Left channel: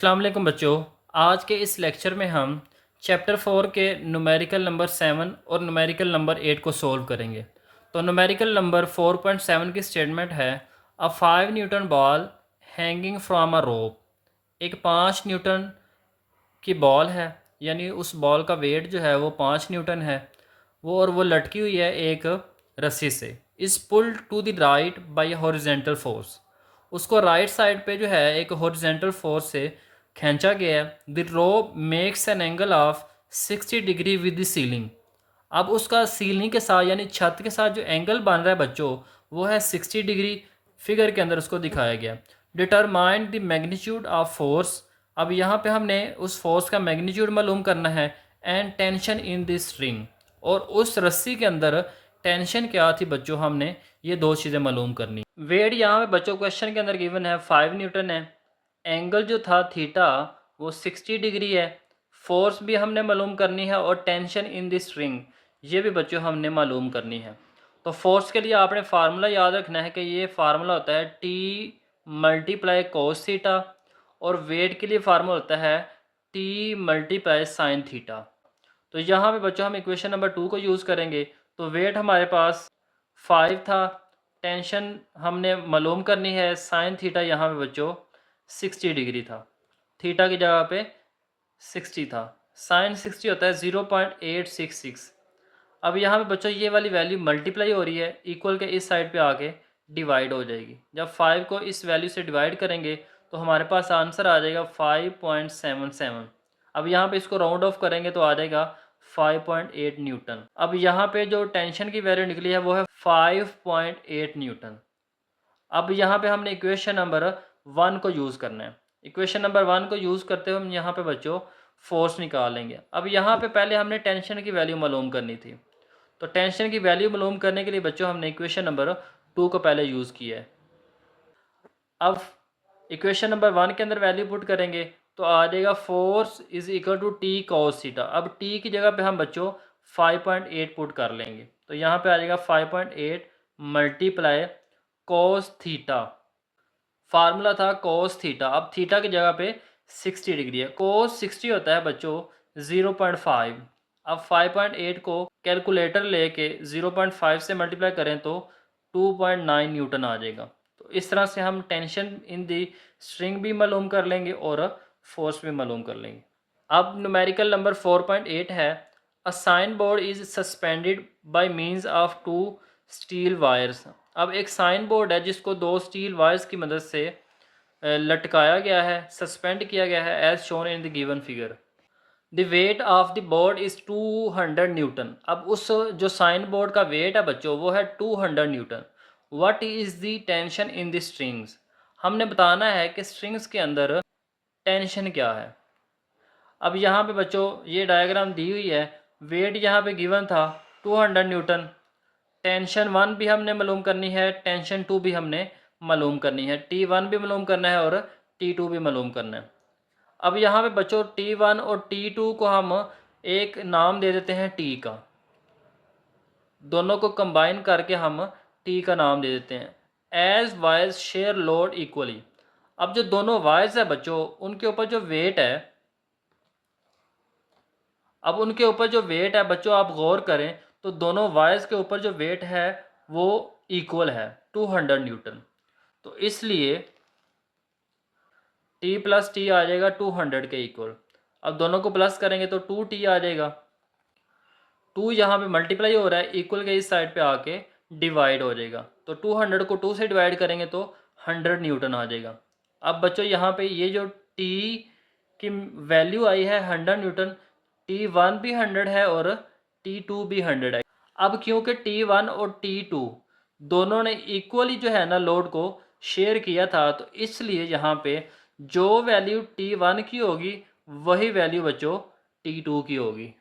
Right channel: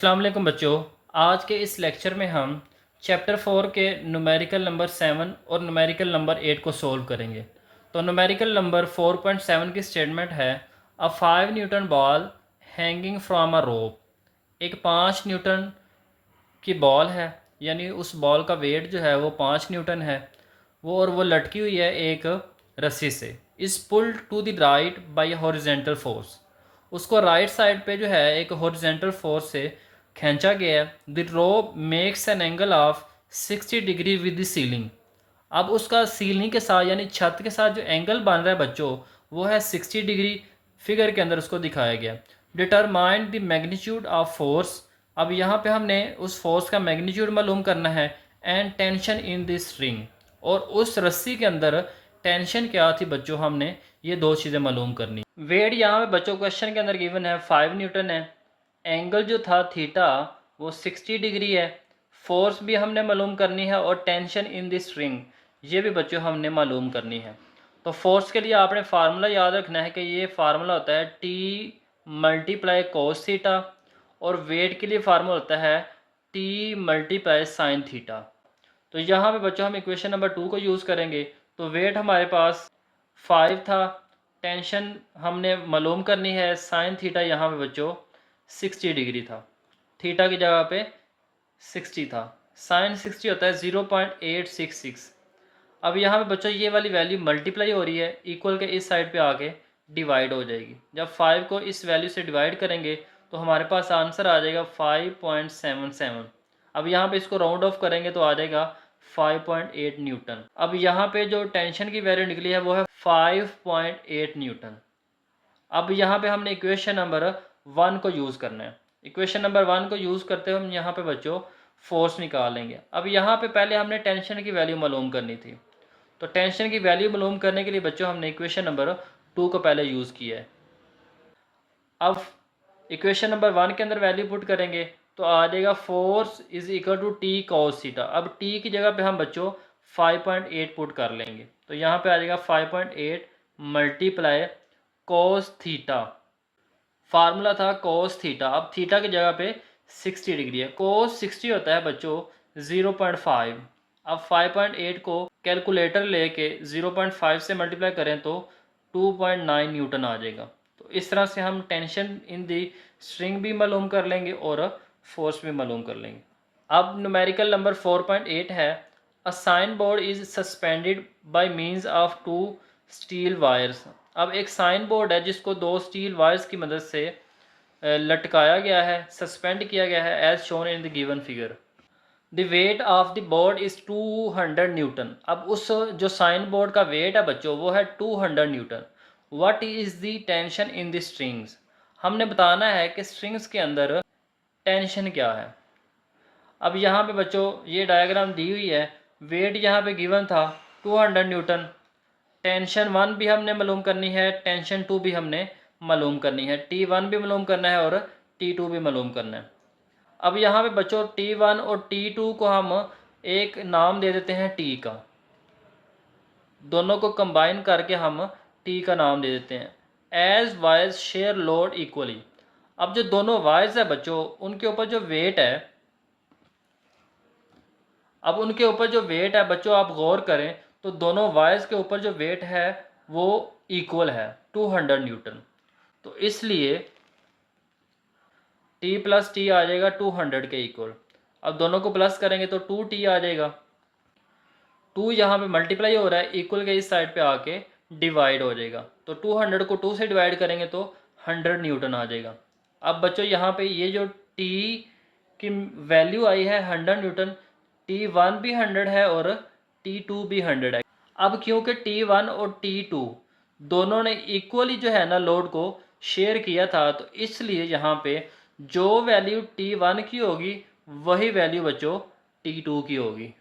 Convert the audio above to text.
अस्सलाम वालेकुम बच्चों। आज के इस लेक्चर में हम चैप्टर 4 के न्यूमेरिकल नंबर 7 और न्यूमेरिकल नंबर 8 को सोल्व करेंगे। तो न्यूमेरिकल नंबर 4.7 की स्टेटमेंट है a 5 newton ball hanging from a rope. एक 5 न्यूटन की बॉल है, यानी उस बॉल का वेट जो है वो 5 न्यूटन है वो लटकी हुई है एक रस्सी से। इस pulled to the right by horizontal force. उसको राइट साइड पे जो है एक हॉरिजेंटल फोर्स से खींचा गया है। The rope makes an angle of 60 degree with the ceiling. अब उसका सीलिंग के साथ यानी छत के साथ जो एंगल बन रहा है बच्चों, वो है 60 डिग्री। फिगर के अंदर उसको दिखाया गया। Determine the magnitude of force. अब यहाँ पे हमने उस फोर्स का मैग्नीट्यूड मालूम करना है। And tension in the string, और उस रस्सी के अंदर टेंशन क्या थी बच्चों, हमने ये दो चीज़ें मालूम करनी। वेट यहाँ पे बच्चों क्वेश्चन के अंदर गिवन है 5 न्यूटन है। एंगल जो था थीटा वो 60 डिग्री है। फोर्स भी हमने मालूम करनी है और टेंशन इन द स्ट्रिंग ये भी बच्चों हमने मालूम करनी है। तो फोर्स के लिए आपने फार्मूला याद रखना है कि ये फार्मूला होता है टी मल्टीप्लाई कोस थीटा, और वेट के लिए फार्मूला होता है टी मल्टीप्लाई साइन थीटा। तो यहाँ पे बच्चों हम इक्वेशन नंबर 2 को यूज़ करेंगे। तो वेट हमारे पास 5 था, टेंशन हमने मालूम करनी है, साइन थीटा यहाँ पे बच्चों 60 डिग्री था। थीटा की जगह पे 60 था, साइन 60 होता है 0.866। अब यहाँ पे बच्चों ये वाली वैल्यू मल्टीप्लाई हो रही है, इक्वल के इस साइड पे आके डिवाइड हो जाएगी। जब 5 को इस वैल्यू से डिवाइड करेंगे तो हमारे पास आंसर आ जाएगा 5.77। अब यहाँ पे इसको राउंड ऑफ करेंगे तो आ जाएगा 5.8 न्यूटन। अब यहाँ पे जो टेंशन की वैल्यू निकली है वो है 5.8 न्यूटन। अब यहाँ पे हमने इक्वेशन नंबर 1 को यूज़ करना है। इक्वेशन नंबर 1 को यूज़ करते हुए हम यहाँ पे बच्चों फोर्स निकालेंगे। अब यहाँ पे पहले हमने टेंशन की वैल्यू मालूम करनी थी। तो टेंशन की वैल्यू मालूम करने के लिए बच्चों हमने इक्वेशन नंबर 2 को पहले यूज़ किया है। अब इक्वेशन नंबर 1 के अंदर वैल्यू पुट करेंगे तो आ जाएगा force is equal to T cos theta. अब टी की जगह पे हम बच्चों 5.8 पुट कर लेंगे। तो यहाँ पे आ जाएगा 5.8 मल्टीप्लाई कॉस थीटा। फार्मूला था कोस थीटा। अब थीटा की जगह पे 60 डिग्री है। कोस 60 होता है बच्चों 0.5। अब 5.8 को कैलकुलेटर लेके 0.5 से मल्टीप्लाई करें तो 2.9 न्यूटन आ जाएगा। तो इस तरह से हम टेंशन इन दी स्ट्रिंग भी मालूम कर लेंगे और फोर्स भी मालूम कर लेंगे। अब न्यूमेरिकल नंबर 4.8 है a sign board is suspended by means of 2 steel wires. अब एक साइन बोर्ड है जिसको 2 स्टील वायर्स की मदद से लटकाया गया है, सस्पेंड किया गया है, as shown in the given figure. The weight of the board is 200 newton. अब उस जो साइन बोर्ड का वेट है बच्चों वो है 200 Newton. What is the tension in the strings. हमने बताना है कि स्ट्रिंग्स के अंदर टेंशन क्या है। अब यहाँ पे बच्चों ये डायग्राम दी हुई है। वेट यहाँ पे गिवन था 200 न्यूटन। टेंशन 1 भी हमने मालूम करनी है, टेंशन 2 भी हमने मालूम करनी है, T1 भी मालूम करना है और T2 भी मालूम करना है। अब यहाँ पे बच्चों T1 और T2 को हम एक नाम दे देते हैं T का। दोनों को कंबाइन करके हम T का नाम दे देते हैं। As wires share load equally. अब जो दोनों वायर्स है बच्चों उनके ऊपर जो वेट है, अब उनके ऊपर जो वेट है बच्चों आप गौर करें तो दोनों वायर्स के ऊपर जो वेट है वो इक्वल है 200 न्यूटन। तो इसलिए T प्लस टी आ जाएगा 200 के इक्वल। अब दोनों को प्लस करेंगे तो 2T आ जाएगा। 2 यहाँ पे मल्टीप्लाई हो रहा है, इक्वल के इस साइड पे आके डिवाइड हो जाएगा। तो 200 को 2 से डिवाइड करेंगे तो 100 न्यूटन आ जाएगा। अब बच्चों यहाँ पे ये जो T की वैल्यू आई है 100 न्यूटन, T1 भी 100 है और T2 भी 100 है। अब क्योंकि T1 और T2 दोनों ने इक्वली जो है ना लोड को शेयर किया था, तो इसलिए यहाँ पे जो वैल्यू T1 की होगी वही वैल्यू बच्चों T2 की होगी।